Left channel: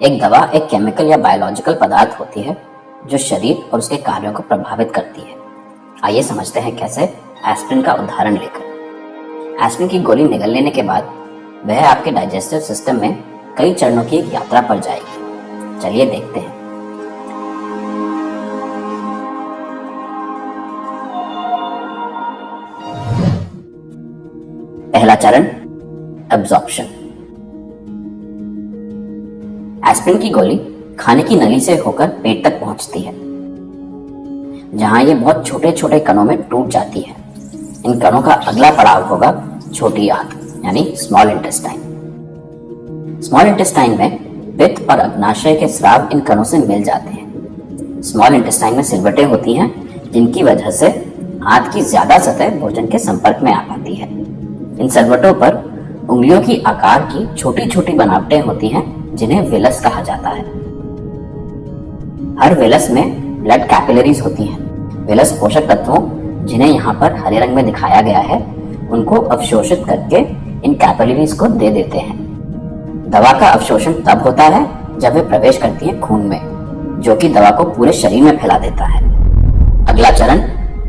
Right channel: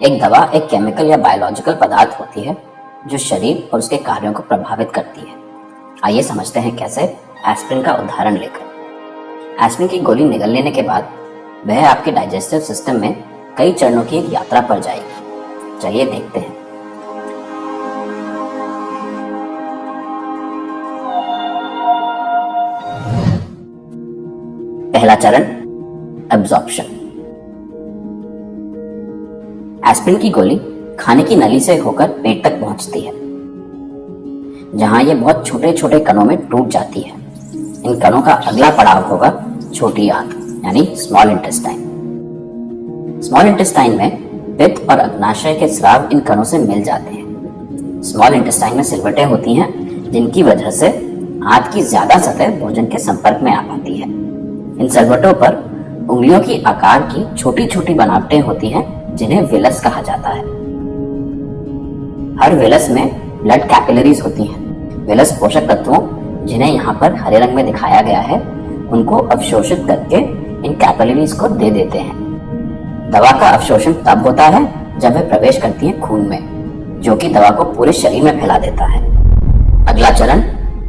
एक दवा एक केमिकल या बायोलॉजिकल पदार्थ होती है जो शरीर और उसके कार्यों को प्रभावित करती है। आइए समझते हैं कैसे। एस्पिरिन का उदाहरण लेकर। एस्पिरिन की गोली निगल लेने के बाद वह आपके डाइजेस्टिव सिस्टम में कई चरणों की यात्रा पर जाएगी। चलिए देखते हैं। पहला चरण, एब्जॉर्प्शन। एस्पिरिन की गोली खाने की नली से होकर पेट तक पहुंचती है, जहां ये बहुत छोटे छोटे कणों में टूट जाती है। इन कणों का अगला पड़ाव होगा छोटी आंत यानी स्मॉल इंटेस्टाइन। स्मॉल इंटेस्टाइन में पित्त और अग्नाशय के स्राव इन कणों से मिल जाते हैं। स्मॉल इंटेस्टाइन में सिलवटें होती हैं, जिनकी वजह से आंत की ज्यादा सतह भोजन के संपर्क में आ पाती है। इन सिलवटों पर उंगलियों की आकार की छोटी छोटी बनावटें होती हैं, जिन्हें विलस कहा जाता है। हर विलस में ब्लड कैपिलरीज होती हैं। विलस पोषक तत्वों, जिन्हें यहाँ पर हरे रंग में दिखाया गया है, उनको अवशोषित करके इन कैपिलरीज को दे देते हैं। दवा का अवशोषण तब होता है जब वे प्रवेश करती है खून में, जो कि दवा को पूरे शरीर में फैला देता है। अगला चरण,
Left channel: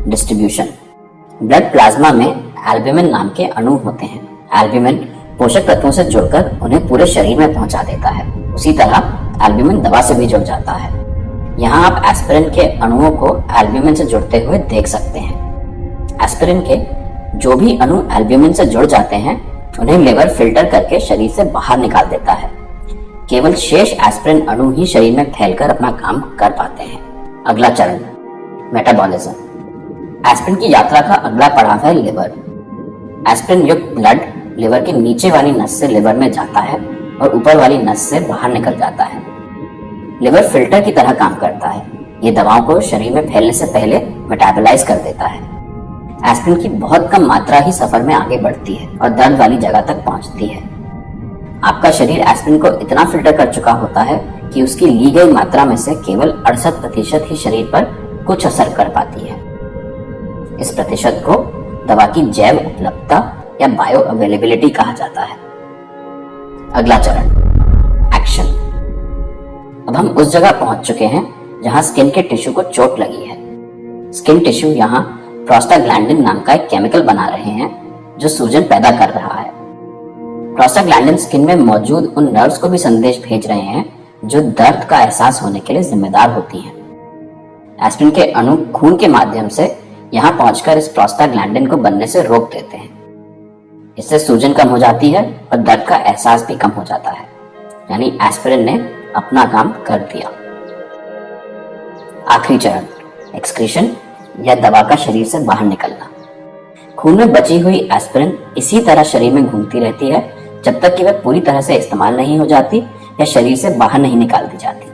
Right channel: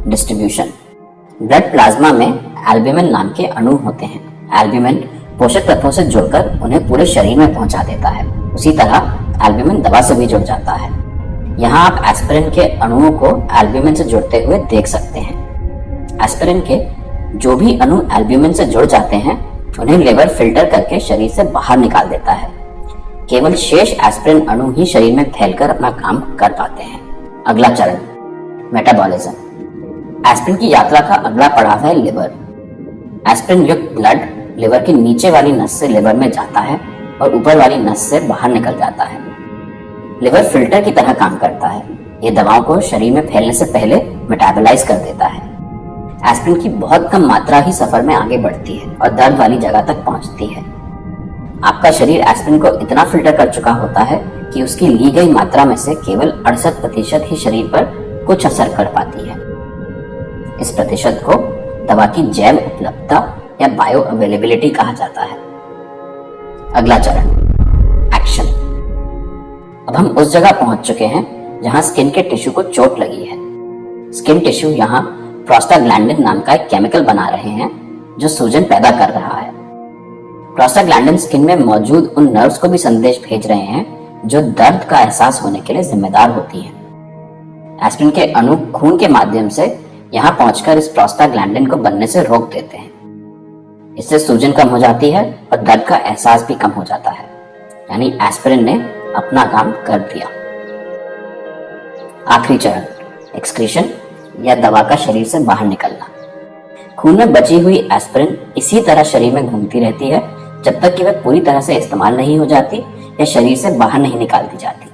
डिस्ट्रीब्यूशन। ब्लड प्लाज्मा में एल्ब्यूमिन नाम के अणु होते हैं। एल्ब्यूमिन पोषक तत्वों से जुड़कर उन्हें पूरे शरीर में पहुंचा देता है। उसी तरह एल्ब्यूमिन दवा से भी जुड़ जाता है। यहाँ आप एस्पिरिन के अणुओं को एल्ब्यूमिन से जुड़ते हुए देख सकते हैं। एस्पिरिन के जो भी अणु एल्ब्यूमिन से जुड़ जाते हैं, उन्हें लिवर फिल्टर करके शरीर से बाहर निकाल देता है। केवल शेष एस्पिरिन अणु ही शरीर में फैलकर अपना काम कर पाते हैं। अगला चरण, मेटाबॉलिज्म। एस्पिरिन की यात्रा का अगला पड़ाव है लिवर। एस्पिरिन युक्त ब्लड लिवर की नीचे वाली नस से लिवर में जाता है और ऊपर वाली नस से बाहर निकल जाता है। लिवर फिल्टर की तरह काम करता है। ये दवाओं को शरीर में फैलने से पहले मेटाबोलाइज कर देता है। एस्पिरिन की बहुत कम मात्रा ही सफर में आगे बढ़ती है और दर्द वाली जगह तक पहुंचती है। आपका शरीर एस्पिरिन को इतना फिल्टर कर चुका होता है कि उसकी ली गई मात्रा में से केवल 68% ही शरीर पर कुछ असर कर पाती है। इस प्रतिशत को दवा की जैव उपलब्धता या बायो अवेलेबिलिटी कहा जाता है। अगला चरण, एक्शन। अब हम उस जगह पहुंच चुके हैं जहां स्किन के टिश्यू को चोट लगी है। स्किन टिश्यू यहां प्रोस्टाग्लैंडिन नाम का एक केमिकल बना रहे हैं, जो सूजन पैदा कर रहा है। प्रोस्टाग्लैंडिन स्किन में मौजूद उन नर्व्स को भी संदेश भेज रहे हैं जो दर्द का एहसास होने के लिए जिम्मेदार होती हैं। एस्पिरिन के अणु खून के माध्यम से यहाँ पहुंचकर इस प्रोस्टाग्लैंडिन को बनने से रोक देते हैं। इससे सूजन कम हो जाती है और दर्द का एहसास भी कम हो जाता है। यानी एस्पिरिन ने अपना काम कर दिया। आखिरी चरण, एक्सक्रीशन या दवा का शरीर से बाहर निकलना। खून में बची हुई एस्पिरिन इसी तरह शरीर में घूमती रहती है जब तक कि वह पूरी तरह से इस्तेमाल नहीं हो जाती या शरीर से बाहर नहीं निकाल दी जाती।